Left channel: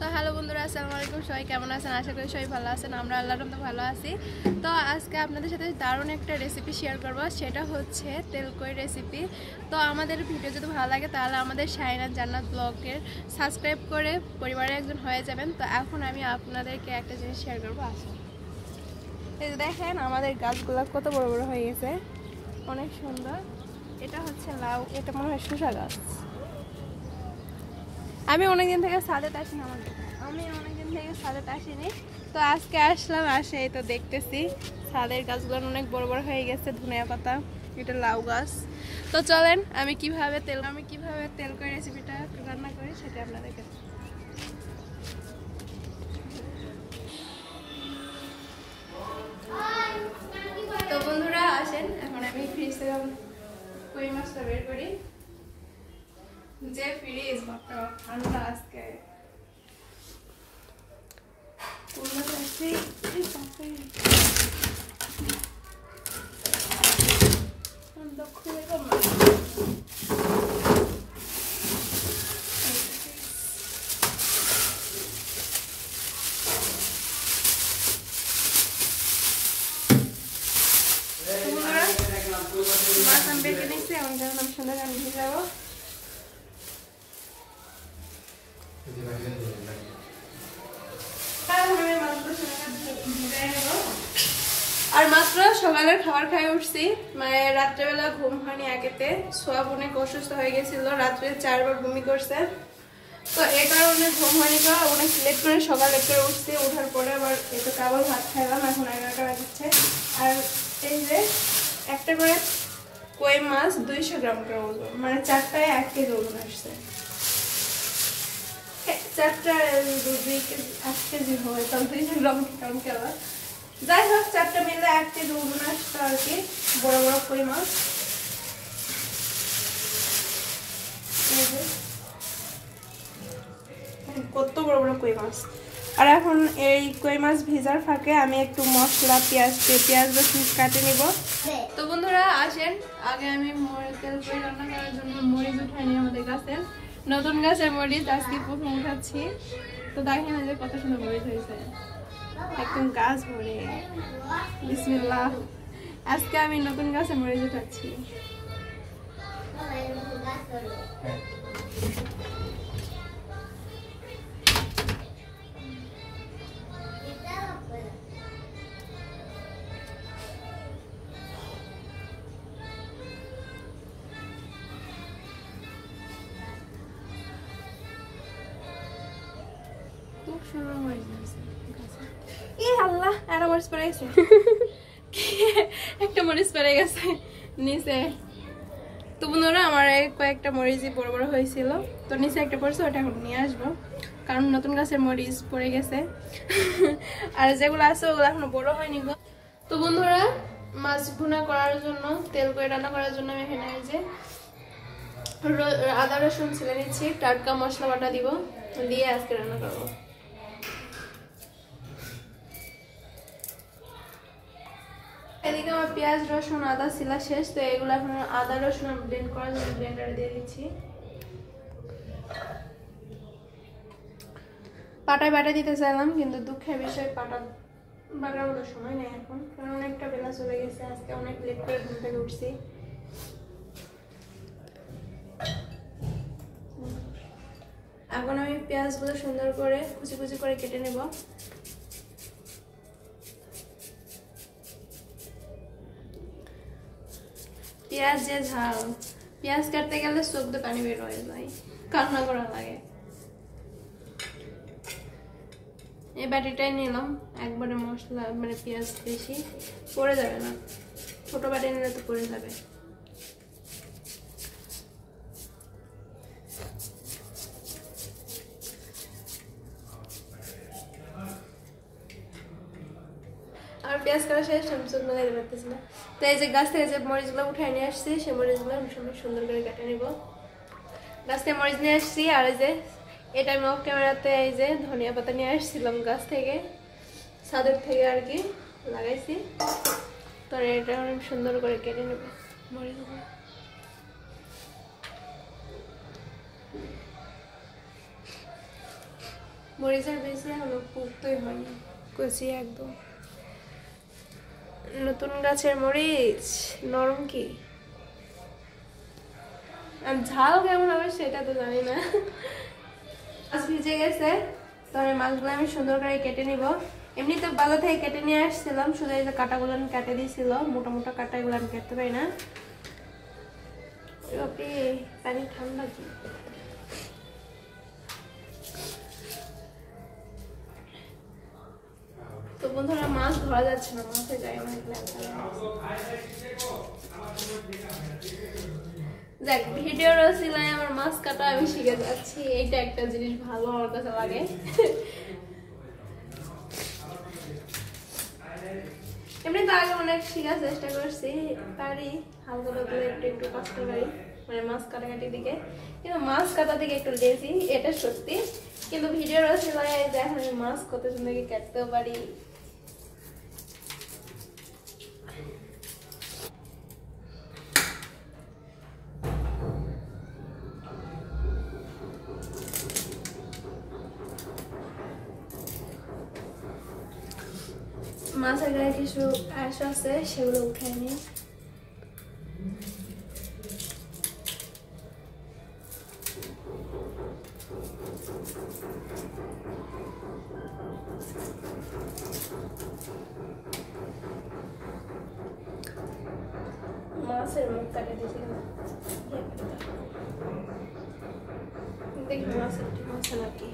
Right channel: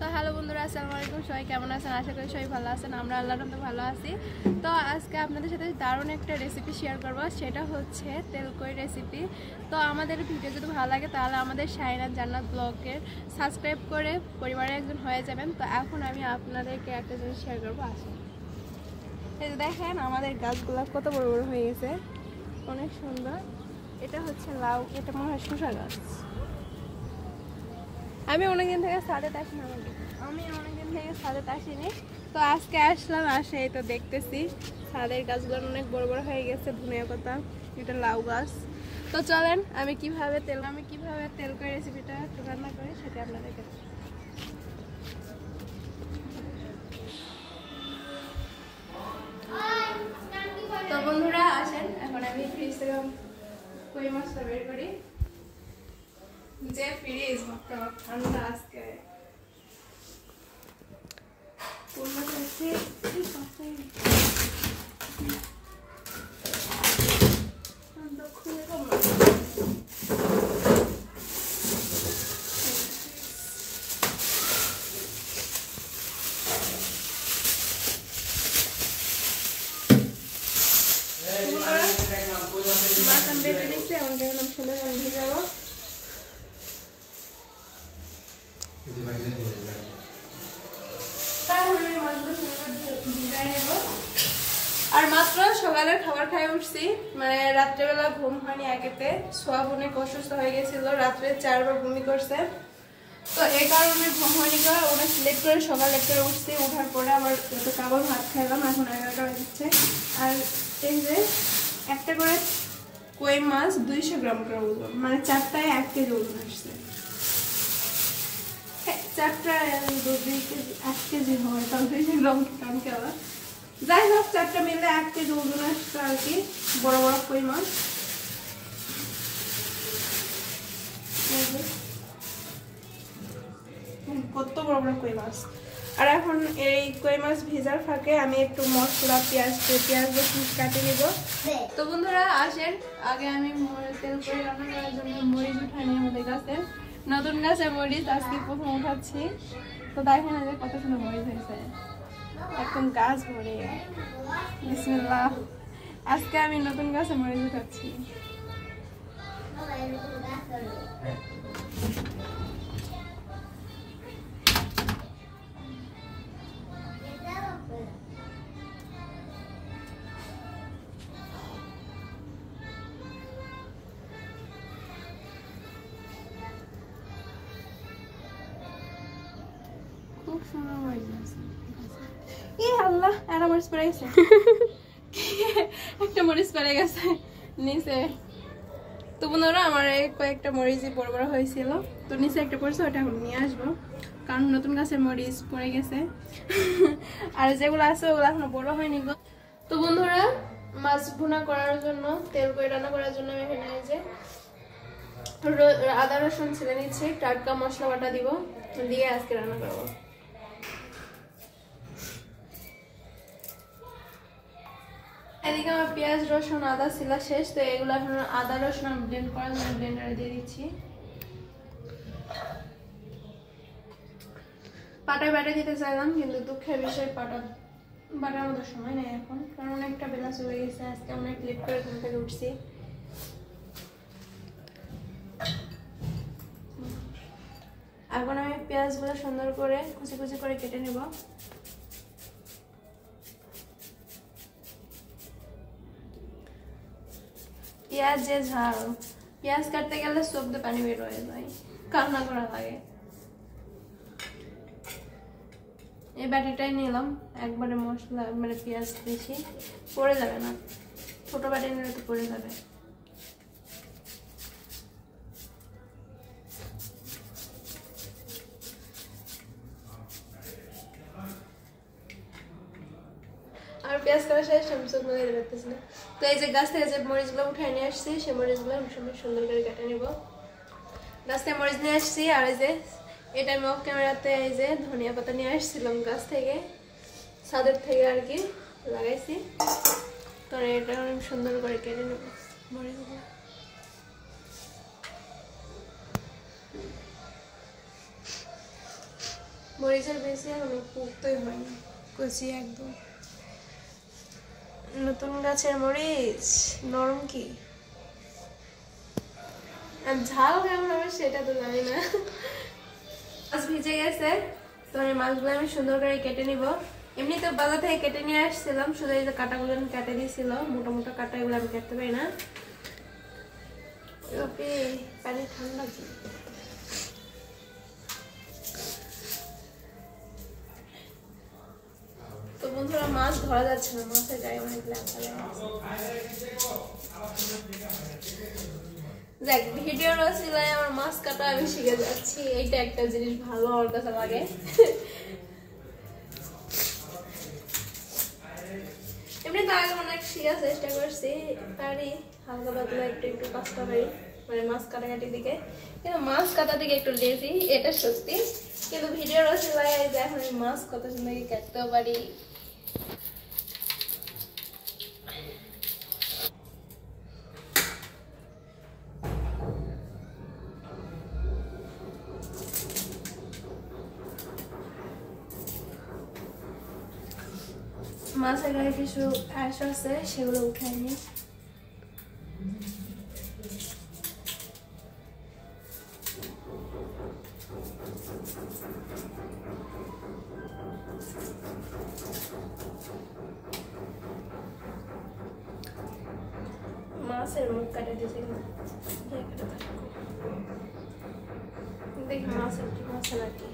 তো হ্যালো বন্ধুরা, আসসালামু আলাইকুম। সবাই কেমন আছেন? আশা করি সবাই ভালো আছেন। আমরা আল্লাহর রহমতে ভালো আছি। তো আজকে আপনাদের সাথে দারুণ একটা রেসিপি শেয়ার করব, সেটা হচ্ছে তেলকই রেসিপি। তো আমাদের ভিডিও যদি ভালো লাগে তাহলে আমাদের শাহিনাত জান্নাত ব্লগের সাবস্ক্রাইব করে পরিবারের একজন হয়ে যাবেন। তো এখন আমি আপনাদেরকে একটা জিনিস শেয়ার করবো, আসেন। এই যে দেখেন আমাদের গাছগুলো কত বড় বড় হয়ে গেছে, অনেক সুন্দর। এটা হচ্ছে লাউ, এটা মনে হয় শসা গাছ। আমি অনেকদিন থেকে ছাদেতে আসিনি, আসিনি। তো আজকে আসলাম, আসে তো দেখতেছি ছাদের গাছগুলো অনেক বড় বড় হয়ে গেছে। ধনিয়া পাতা, এটা লাউ গাছ। তো চলেন আমি কিভাবে তেলকই রেসিপিটা রান্না করি সেটা আপনাদেরকে। তো বন্ধুরা আসেন, এখন আমি ফ্রিজ থেকে কই মাছটা বের করি। যে ফ্রিজ মাত্র ঠান্ডা আজকে, কোন মাছ আছে খুলে মাছ আমি বেটে নিচ্ছি। এখন যখন আমি সুন্দর ভেজে যাবো, আর মাত্র সকালের খাবার খাই উঠছি, মানে রাত্রেবেলা ঘুম হয়নি একেতে। সোয়াব অনেক অসুস্থ হয়ে গেছিল, রাত্রে 4 বার বমি করছে। তো এই কারণে ঘুম হয়নি, অনেক লেট করে সকাল লেট করে উঠছি। ওঠার পরে আবার একটু কাবল ভাত খাইলাম, এখন 11টা বাজছে। আর এই যে একটা করে কই মাছ 200 গ্রাম করে ওজন, মানে 4টায় 1 কেজি ওজন আসছে। 4টায় 1 কেজি হয়, তাহলে 200 গ্রাম কেমন কেমন। যাই হোক, 4টা মিলে 1 কেজি ওজন আসছে আর কি, বড় বড় কই মাছ। কত বড় বড় কই মাছ। আর এখন এই কই মাছ ভেজার ফাঁকে আমি একটু মশলা, পেঁয়াজ রসুন কাটে নিব। তো বন্ধুরা আসেন, আগে আমি তেলকই রান্না করার জন্য মরিচ উঠাই নিই। আমাদের গাছের নতুন গাছের মরিচ, আজকে প্রথম উঠাচ্ছি। তো দেখেন যে কত সুন্দর মরিচ হয়েছে, একদম গাছ ভরে। বিসমিল্লাহ, আজকে আমি নতুন গাছে মরিচ উঠাচ্ছি। খুব সুন্দর মরিচ আছে। আল্লাহ, একটা মরিচ পড়ে গেছে। একটা মরিচ পড়ে গেছে নিচে। তো বন্ধুরা আমার কয়েকটা মরিচই বড় বড় হয়েছিল, তো নিচে একটা পড়ছে, ওটা এখন নিয়ে আসবো, কারণ নতুন গাছের মরিচ পড়ে গেছে। আর যেগুলো আছে ওগুলো এখনো বড় হয়নি গো। তো বন্ধুরা মাছ ভুনা করার জন্য, তেলকই রান্না করার জন্য আমি এখানে এই যে আদা রসুন ছিলে নিচ্ছি, টাটকা মশলা বাটা দিব, দিয়ে আজকে রান্না করবো। এদিকে আমার পেঁয়াজ রসুন আদা ছিলা শেষ, তো এগুলো এখন আদা রসুন ব্লেন্ড করার জন্য ব্লেন্ডারে দিয়ে দিচ্ছি। পাটায় বাটা দিতে চাইলাম, কিন্তু দুঃখের বিষয় পাটা বাটার মতো সময় নেই এখন, কারণ অনেকটা বেলা চলে গেছে। আজকে অনেক লেট করে ঘুম থেকে উঠছি। এখন আমি পেঁয়াজগুলো সুন্দর করে কুচি কুচি করে কেটে নেব। পেঁয়াজ যে ঝাল, পেঁয়াজ কাটতে গেলে চোখ দিয়ে পানি বের হয়ে যায়, কান্না করা লাগে। এই বাটিটাই নিলাম, একবারে মশলা মানে পেঁয়াজ বেশি পড়ে যাবে না, ছোট বাটি নিলে তো পড়ে যাবে। আর পেঁয়াজ কাটা শেষ, আমি চোখ মানে দিতে পারতেছি না। তো এই যে গাছ থেকে যে মরিচগুলো উঠাই নিয়ে আসছি, সেই মরিচগুলো আমি সুন্দর করে কেটে নিব। গাছ থেকে মরিচ নিয়ে আসছি, আর এই যে এটা আমি অফ ক্যামেরাতে এই যে ধনিয়া পাতা নিয়ে আসছিলাম গাছ থেকে, ছাদের থেকে আর কি লাগাইছি। তো এটা আমি সুন্দর করে কেটে নেব মরিচগুলো। মরিচের বেশি এখনো পুক্তই হয়নি, কচি একদম। নতুন গাছের মরিচ নরম কি ঝাল কেমন হবে সেটা তো জানি না। মাছ ভিজে গেছে, তো আমি মাছগুলো আমি সুন্দর করে কেটে নিব। এমনি তো বাজার থেকে কেটে নিয়ে আসছিলাম, শুধু এই যে কাটাগুলো আমি কেটে দিয়েছিল, মোটা মোটা কাটা, এগুলো আমি কাটতে পারি না। পানি ঠান্ডা কি তো বন্ধুরা, মাছ ধরা যাচ্ছে না, মাছের জায়গা অনেক দেখ ভিডিওর ওসিলায় আমার মাছ কাটা আমি শিখে যাচ্ছি, এইটা একটা জিনিস ভালো আমার কাছে লাগে। এমনি তো আগে অনেক শেখার চেষ্টা করছি, পারি হালকা পাতলা একটু একটু কষ্ট পারি, মানে মাছ কাটাকাটির দিকে, কিন্তু মাছ কাটার দিকে একটু লেজি, এটা সত্যি। কিন্তু ভিডিওর ওসিলায় দেখো আমি মাছ কত সুন্দর কাটতেও পারি। মাছের গায়ে কিছু আঁশ আছে, সেগুলো উঠাই নি। মাছের মুখ কাটে দিয়েছে, দেখি মাছের ঠিক আছে নাকি।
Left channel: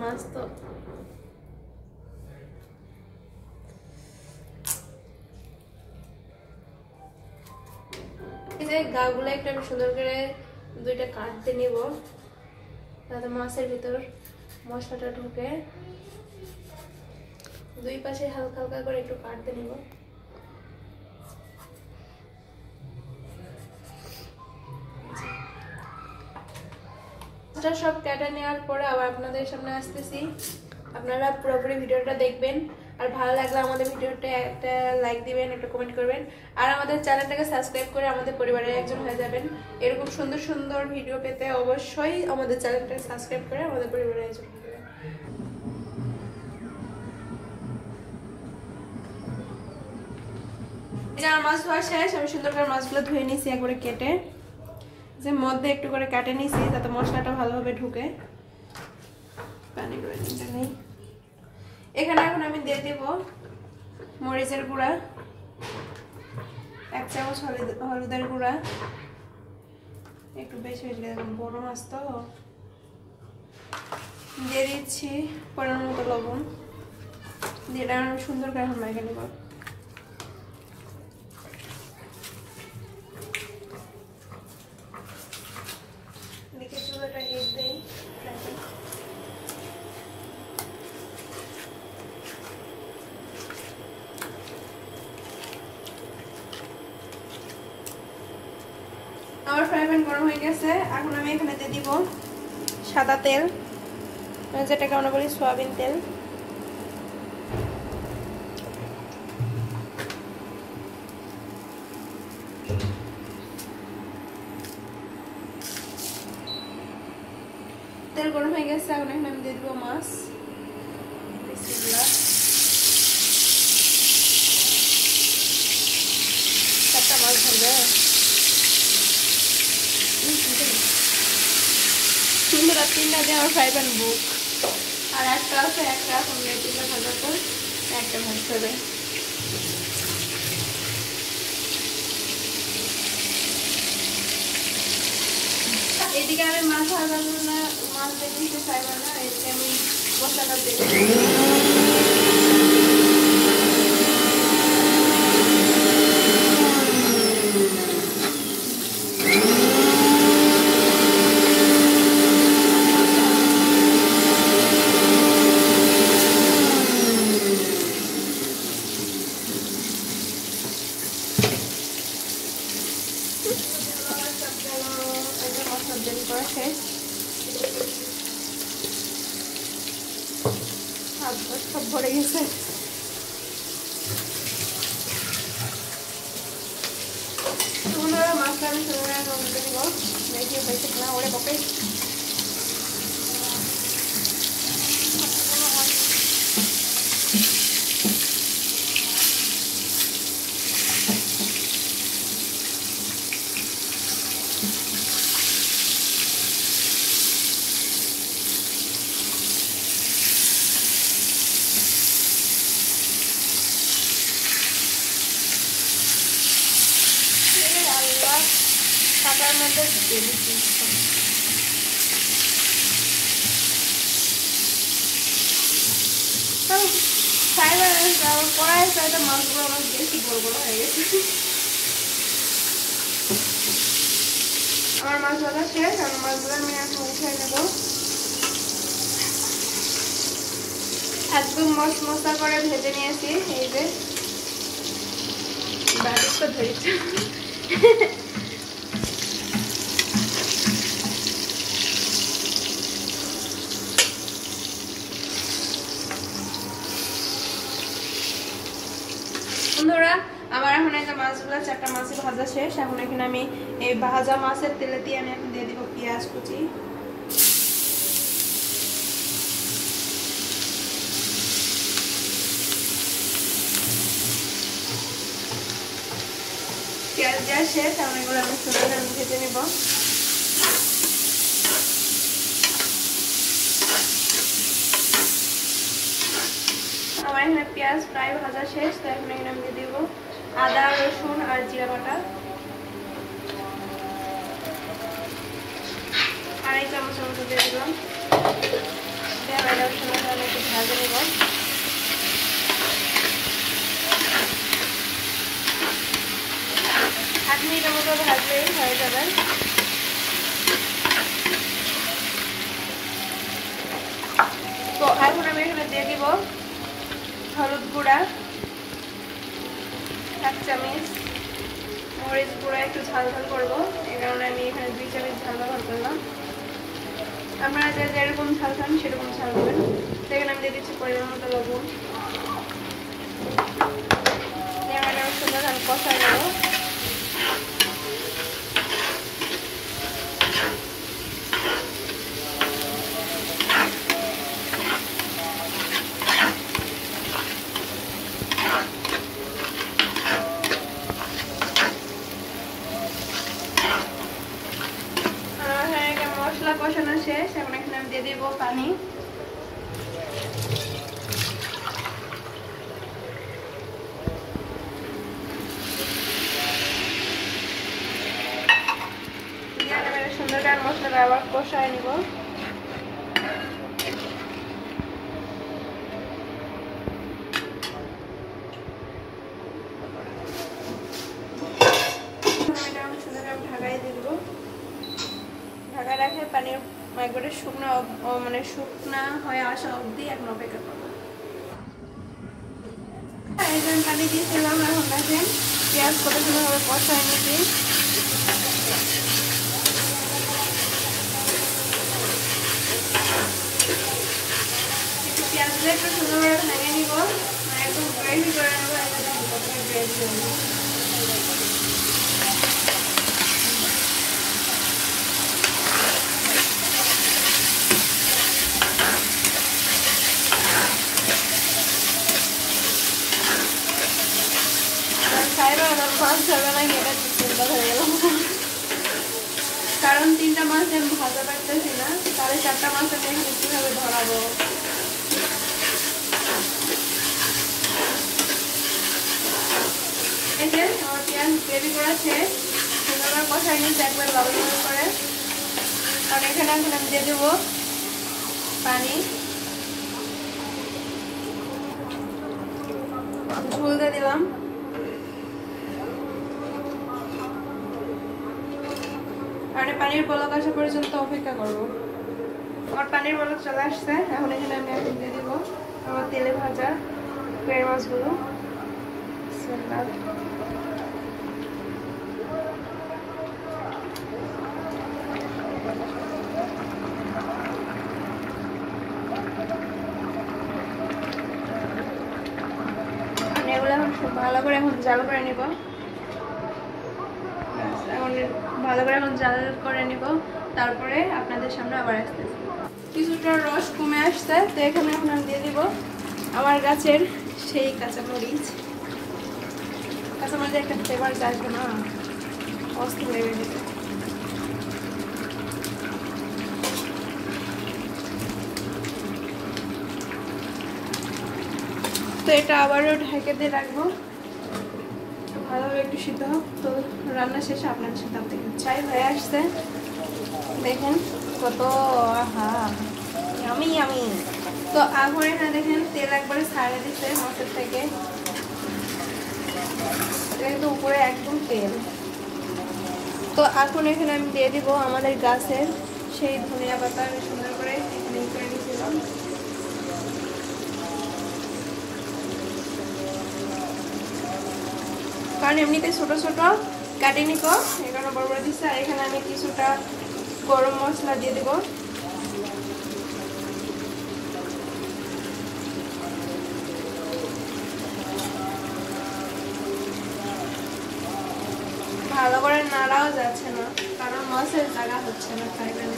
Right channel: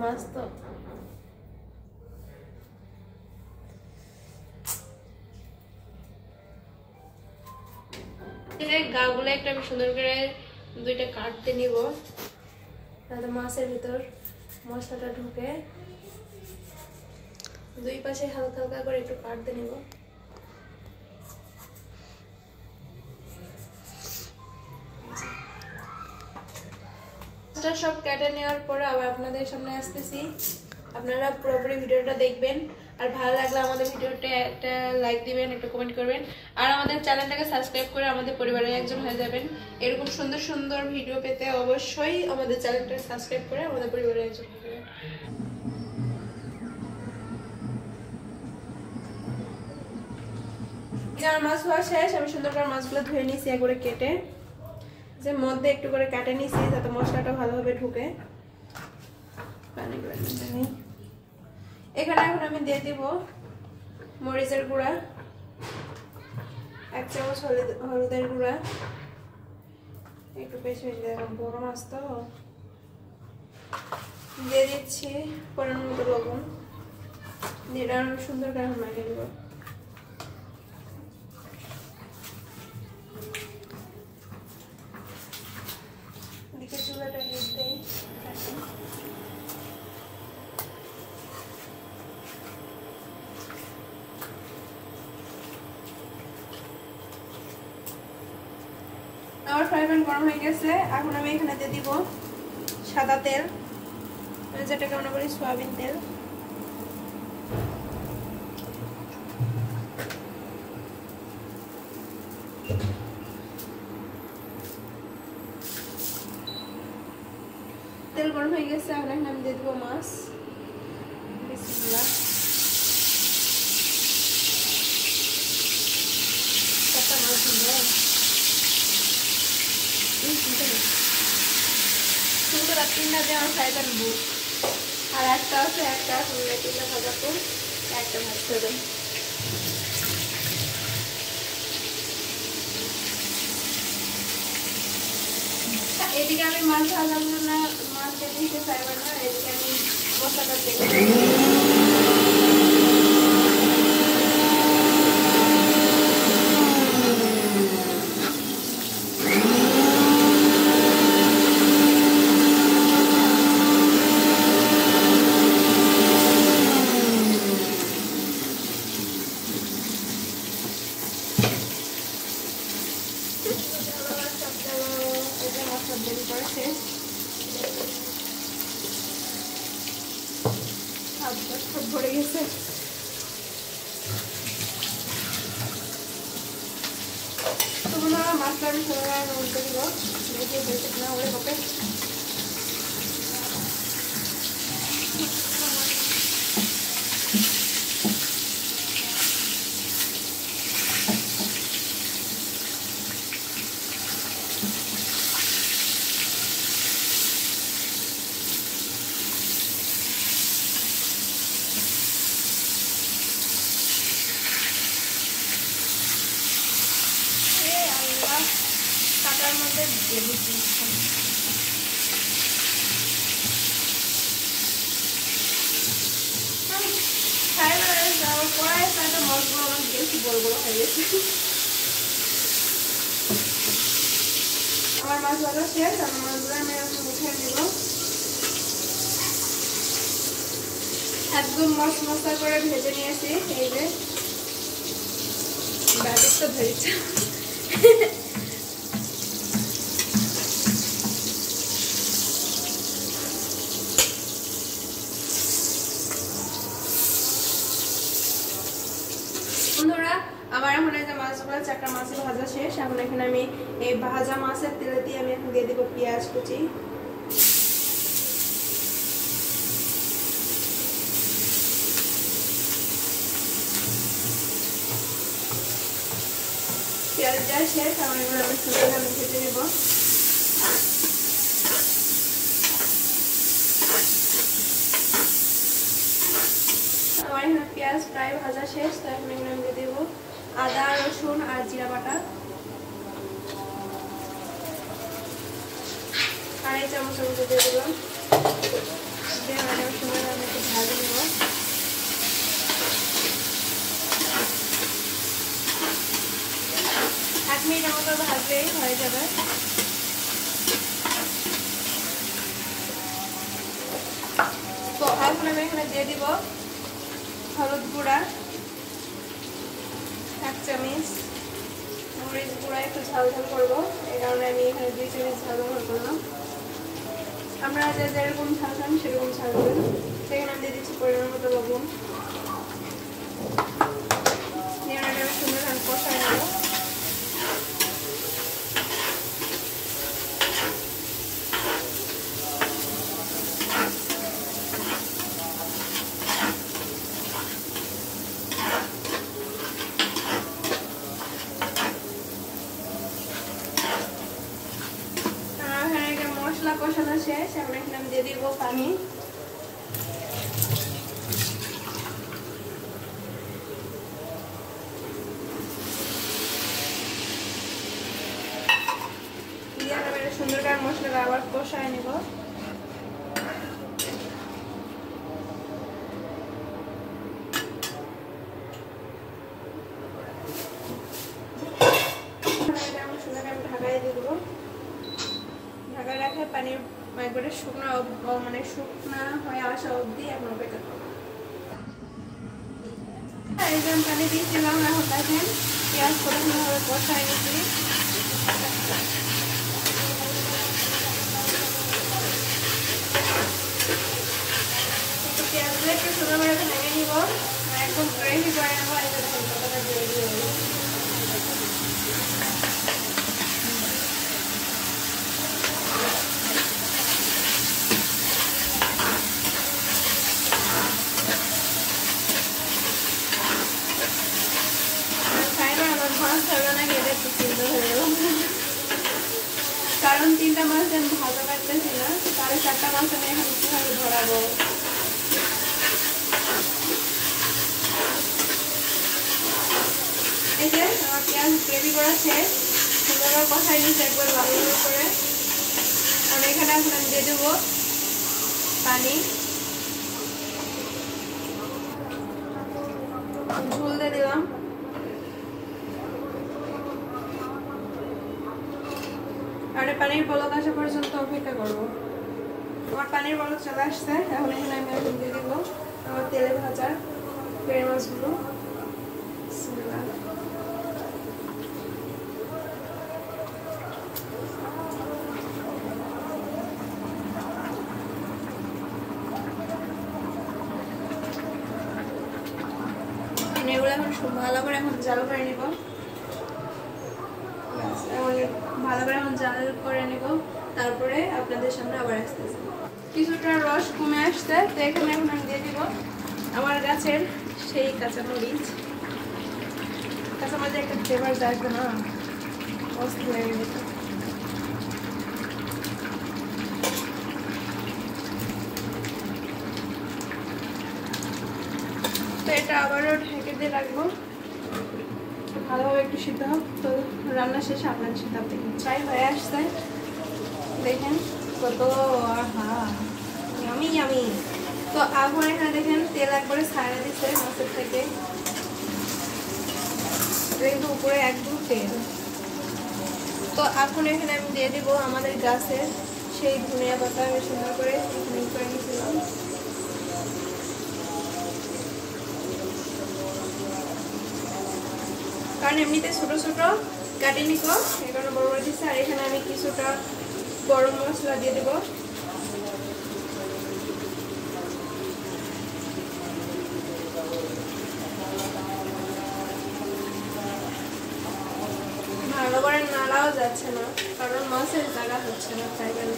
মাছ তো গাগুলো একটা আমি সুন্দর করে দুইটা কাটতে নিব, তাহলে মাছের ভিতর মশলাটা ঢুকে। দুই পাশে হালকা হালকা করে একটু কাটতে নিব। সব কেটে নেওয়ার পরে আবার আপনাদের সামনে আসতেছি, আপনারা পুরোপুরি ভিডিওটা দেখবেন। আর ভালো লাগলে আমাদের ভিডিওটা একটা লাইক দিবেন, একটা কমেন্ট করবেন, আর আমাদের চ্যানেলটাকে সাবস্ক্রাইব করে আমাদের পরিবারের একজন হয়ে যাবেন। এরকম সুন্দর সুন্দর ভিডিও পেতে অবশ্যই আমাদের চ্যানেলটাকে সাবস্ক্রাইব করে আমাদের পরিবারের একজন হয়ে যাবেন। আমার মাছ ধোয়া শেষ, আমি সুন্দর করে মাছগুলো ধুয়ে নিয়েছি একবারে কেটে, যে মধ্যে একটু করে কেটে নিয়েছি যাতে মশলাটা ভালোভাবে ঢুকে। পানি নেই এখানে। এখন আমি দিয়ে দিব মরিচের গুঁড়া, 1 চামচ হলুদের গুঁড়া, একটু বেশি বেশি দেখুন বড় মাছ তো। দিয়ে দিচ্ছি পরিমাণ মতো লবণ, দিয়ে সুন্দর করে এখন মেখে নিব। চুলাটা হিট দেই, আমার ফ্রাই প্যান গরম হয়ে গেছে। এখন আমি এখানে দিয়ে দিব সাদা তেল, যেটাকে আমরা বলি সয়াবিন তেল। তেল গরম হয়ে গেছে, এখন এখানে আমি দিয়ে দিব মাছ। একটা মাছ হবে, তিনটা দিয়ে আমার ফ্রাই প্যান বুক, আর একটা আছে, একটা সঙ্গে 3টা ভাজা করে একটা ভাজতে হবে। এদিকে আমি মাছ ভাজার জন্য মাছ দিতে চাইবো না, এদিকে আমি মশলাটা দেবো। সব ভরে গেছে। মাছটা আমি টেবিল স্পুন। কড়াই চাইতে মাছগুলো আমার বেশি বড় বড় হয়ে গেছে। আমার মাছ ভাজা শেষ। আমার মাছগুলো আমি এখন উঠিয়ে নেব। একদম মশমশা করে ভেজে নিয়েছি। এই যে ব্যাটার তো ধরেছে। বন্ধুরা আমার এখন এই যে মাছগুলো 4টা মাছ ভাজা শেষ। এখন এখানে আমি এই ভাজা মাছের তেলে দিয়ে আমি এখন দিয়ে দিব পেঁয়াজ কুচি। পেঁয়াজ দেওয়া শেষ। এখন এগুলো আমি সুন্দর করে ভেজে নেব। আমার এখানে পেঁয়াজ প্রায় ভাজা শেষ। তো এখন এখানে আমি দিয়ে দেবো আদা রসুন আর জিরা বাটা 2.5 চামচ মতো দিয়ে দিলাম। আদা রসুন আমি একটু ভাজে নেব। 8 মিনিটের মতো ভাজলে হয়ে যাবে। তো এখন আমি এখানে দিয়ে দিব হলুদ গুঁড়া 1 চামচ, মরিচ গুঁড়া একটু ঝাল ঝাল করবো, এই কারণে আমি এখানে 2 চামচ ঝাল ঝাল করলাম। আপনারা যে যেরকম ঝাল খান সেরকম ঝাল দেবেন। সেখানে আমি দিয়ে দিচ্ছি পরিমাণ মতো লবণ। আমি সুন্দর ঝাল কষা নেব। মশলা কষানো শেষ। এখন এখানে আমি দিয়ে দিব পানি। সুন্দর করে মশলাটা আবার কষায় নিব। ঢাকায় দিয়ে দিব। ঢাকা রাখলে পানির একবারে শুকনো মানে শুকনা হয়ে আসা অবধি এখন অপেক্ষা করবো। পানি দিয়েছিলাম। এখন দেখেন পেঁয়াজ কষায় নিচ্ছি। পেঁয়াজগুলো একটু সুন্দরভাবে ভেঙে নিব, একদম গ্রেভি করে নেবো। গ্রেভি হবে। কারণ 3টা মাছ আমি ভাজা পারতেছি না, তাহলে 4টা মাছ আমি এখানে কিভাবে ধরাবো। এই যে আমার পেঁয়াজ গ্রেভি করা শেষ। সুন্দর কষাই নিচ্ছি একবার ভালো করে। আর এখানে এখন আমি দিয়ে দেবো পানি। ঝোল দিয়ে দিলাম। আর পানির বলক আসা পর্যন্ত অপেক্ষা করবো। আমার পানির বলক চলে আসছে। এখন এখানে আমি এখন দিয়ে দিব আমার তেলে ভাজা ফ্রাই মাছগুলো। এগুলো এখন ভালো করে এখন জাল করে নিব। ভালো করে এখন জাল করে নিব, তারপরে আপনাদের সামনে আবার আসতেছি। কিছুটা রস কমে আসছে। তো এখানে এখন আমি দিয়ে দিব আমার গাছের সেই কাঁচামরিচ। কাঁচামরিচের একটা ফ্লেভার যায় না, মস্ত হয়ে গেছে। তো এটা আবারও ঢেকে দিয়ে রাখবো ভালোভাবে একটু সিদ্ধ হোক। তো রান্না শেষে আপনাদের সাথে দেখেন চাই হয়ে আসছে। দেখেন কত ইয়ামি ইয়ামি। তো এখন এখানে দেখেন তেল একবারে ছাড়া দিচ্ছে মাছের থেকে, কিন্তু উপরে একদম তেল। তো এখন এখানে আমি দিয়ে দিব আমাদের গাছের সেই ধনিয়া পাতা, আমি সুন্দর করে এখানে করে নিয়েছিলাম। কারণ এমনিতে ছোট ছোট কাটিয়ে নিব, এখানে বড় বড় দিচ্ছে। আর এখানে আমি কিছুটা গরম মশলা দিয়ে দেব। ভালো করে নাড়াও যাচ্ছে না, কারণ মাছের জায়গা হচ্ছে না, তাই জন্য।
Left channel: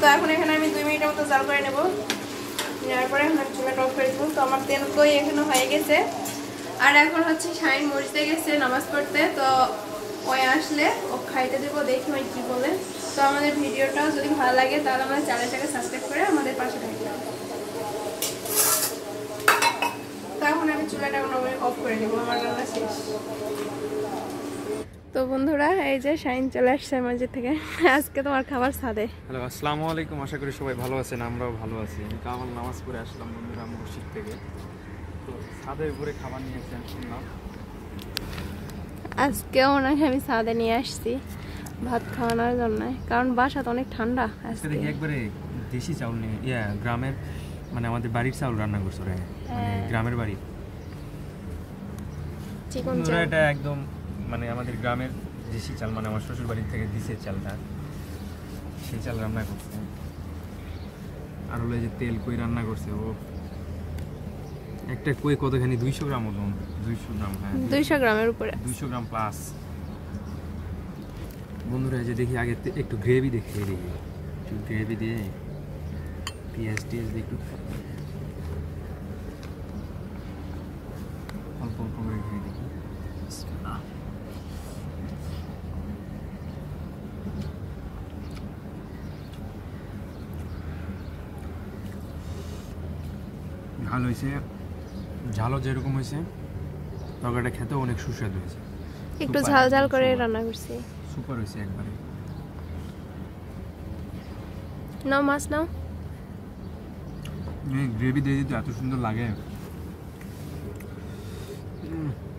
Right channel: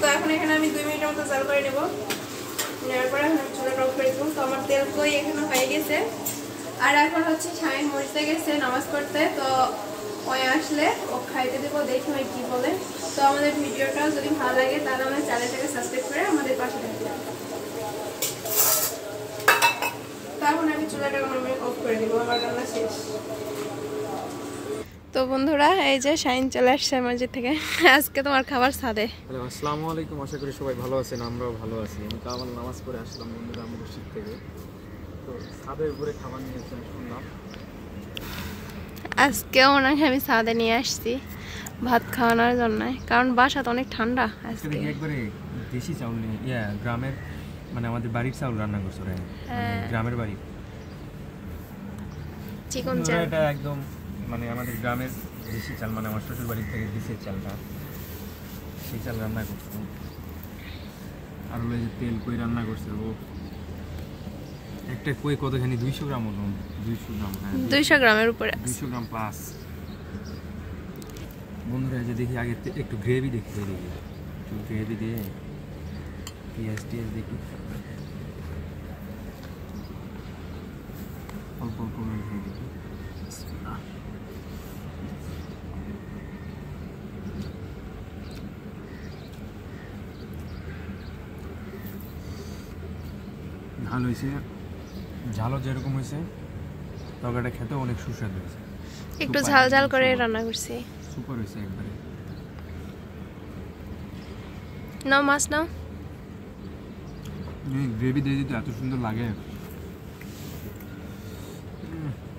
তো এখন এখানে আমি 2 মিনিটের মতো জাল করে নেবো। নেওয়ার পরে এখন চুলাটা অফ করে দেবো। তো আমার তেল কই এখানে হয়ে গেছে। আর এখন হচ্ছে শাইন মরিচতে গেছে নামাজ পড়তে, তো ওই আসলে ও খাইতে দেবো, দেখি ওই কী বলে। তো আমাদের ভিডিওটা যদি ভালো লাগে তাহলে আমার চ্যানেলটাকে সাবস্ক্রাইব করে আমাদের পাশে থাকবে। তো এখন আমি চুলাটা অফ করে দেবো, আমার রান্না শেষ। তো বন্ধুরা, এই যে শাইন চলে আসছে মসজিদ থেকে। আজকে তোমার খাবার ছাদে। হ্যালো, আসসালামু আলাইকুম। আশা করি সবাই ভালো আছেন, আমরাও ভালো আছি। আমি কামাল নামাজ পড়ে আসলাম বন্ধুরা মসজিদ থেকে। তো ছাদের উপরে খাবার নিয়েছি শুনলাম। আজকেও নাকি আমি ছাদে নিয়ে আসছি ভাত খাওয়ানোর জন্য, কারণ বাসা তো অনেক ঠান্ডা। আজকে দেখি একবারে দেশি চাউল নিয়ে, গ্রামের মানে আমাদের বাড়ির চাউল রান্না করছো রে, গ্রামের বাড়ি চিকন চাল। এটা একদম মানে আমাদের গ্রামের দেশি চাল, মানে আমার শ্বশুর বাড়ির থেকে দিছে চালটা, সেই চাল রান্না করছে। আর হলো যে তেল কই রান্না করছে ও, একটা কই কতখানি 200 গ্রাম মতন, 200 গ্রাম, হ্যাঁ 200 গ্রামের উপরে, 200 গ্রাম প্লাস। বন্ধুরা যে দেখি আগে একটু গ্রেভি দেখি, একটু গ্রেভি দিয়ে পেঁয়াজ টিয়াজ দিয়ে একটু অল্প অল্প করে খেয়ে দেখি। ঝাল হয়েছে, ঝালও যেরকম হয়েছে তরকারিটা খেতেও অনেক সুস্বাদু হয়েছে। একটু ঝাল ঝাল করে রান্না করছি, সুপার হয়েছে একবারে। নাও মাছ নাও। গ্রেভি দিয়ে দিতে এত সুন্দর লাগে,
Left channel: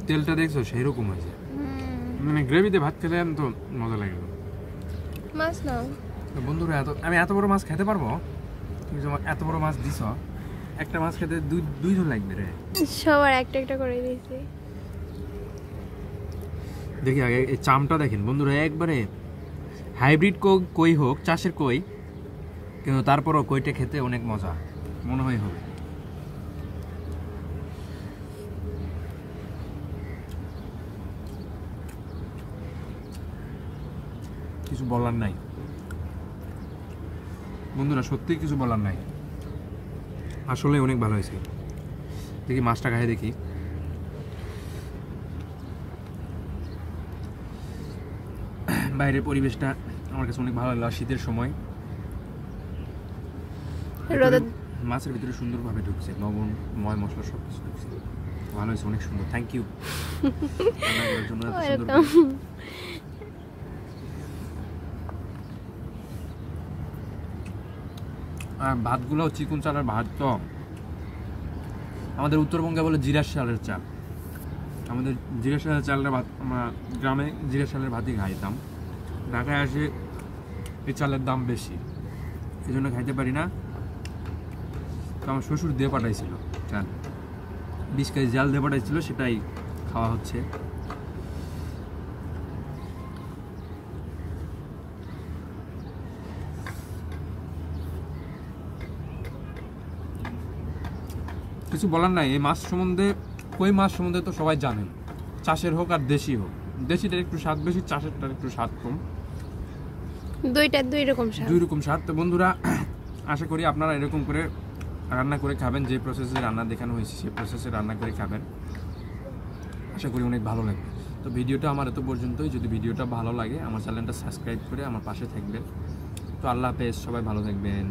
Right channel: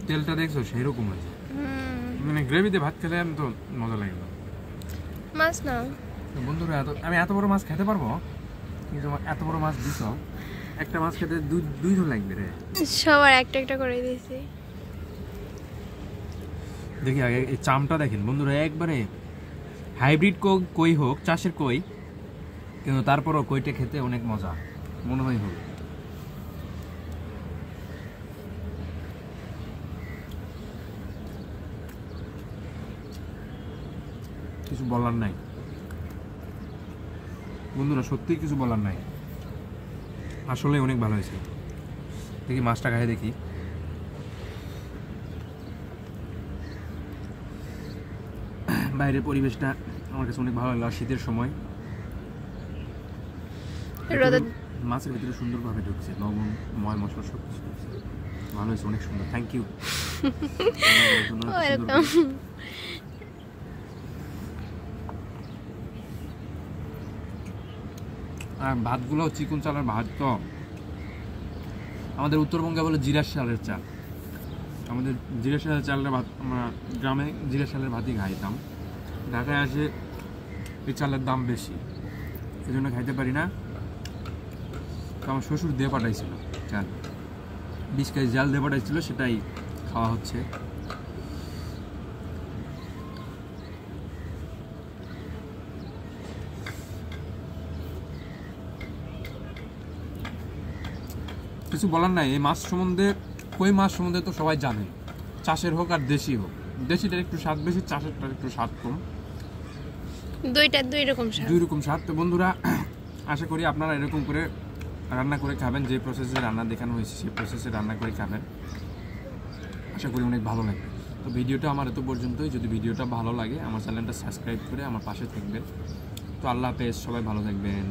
তেলটা দেখছো সেরকম হয়েছে, মানে গ্রেভিতে ভাত খেলে তো মজা লাগলো। মাছ নাও। বন্ধুরা আমি এত বড় মাছ খেতে পারবো, কিন্তু এত বড় মাছ দিছ, একটা মাছ খেতে 2 জন লাগবে রে। সবার একটা একটা করে দিয়েছি। দেখি আগে এই চামটা দেখেন বন্ধুরা, একবারে হাইব্রিড কই হোক, চাষের কই, কিন্তু তারপরও কইটা খেতে অনেক মজা মনে হয় হবে। কিছু বলার নাই বন্ধুরা, সত্যিই কিছু বলার নাই, আসলে অনেক ভালো হয়েছে। দেখি মাছটা খাই দেখি। বাইরের পরিবেশটা আমার কাছে অনেক ভালো লাগলো, শীতের সময় মাছের ভিতরে সুন্দরভাবে ঢুকছে, লবণ ময় মশলা সব কিছু ঢুকছে, ভালো হয়েছে, অনেক সুন্দর। Thank you. আর ভাতগুলো চিকন চালের ভাত, তো আমাদের উত্তরবঙ্গে বলে জিরা চালের চাল, আমাদের জিরা চালের চালটা ভাত, আমরা গ্রামে জিরা চালের ভাতই খাইতাম। ঢাকায় আসে এই চালের দাম বেশি, এই জন্য খাইতে পারি না। তো আমার শ্বশুর দিয়ে পাঠাইছিল চাল, 20 কেজি জাল দিয়ে পাঠাইছিল, সেটাই খাওয়া হচ্ছে। কিছু বলার নাই এই মাছ সম্বন্ধে, কই মাছ সম্বন্ধে তো সবাই জানেন, চাষের হোক আর দেশি হোক, দেশিটার একটু স্বাদ বেশি, চাষেরটার একটু স্বাদ কম, দুই রকম স্বাদ। তো বন্ধুরা, আশা করি আপনারা এরকম করে রান্না করে খাবেন, যে প্রসেসে রান্না দেখানো হয়েছে সেই প্রসেসে রান্না করে খাবেন, আশা করি অনেক ভালো লাগবে। তো ভিডিওটা আমার এত পর্যন্তই। যদি ভিডিওটা ভালো লাগে আমার চ্যানেলটা সাবস্ক্রাইব করে আমার পাশে থাকবেন। তো আল্লাহ হাফেজ, সবাই ভালো থাকবেন।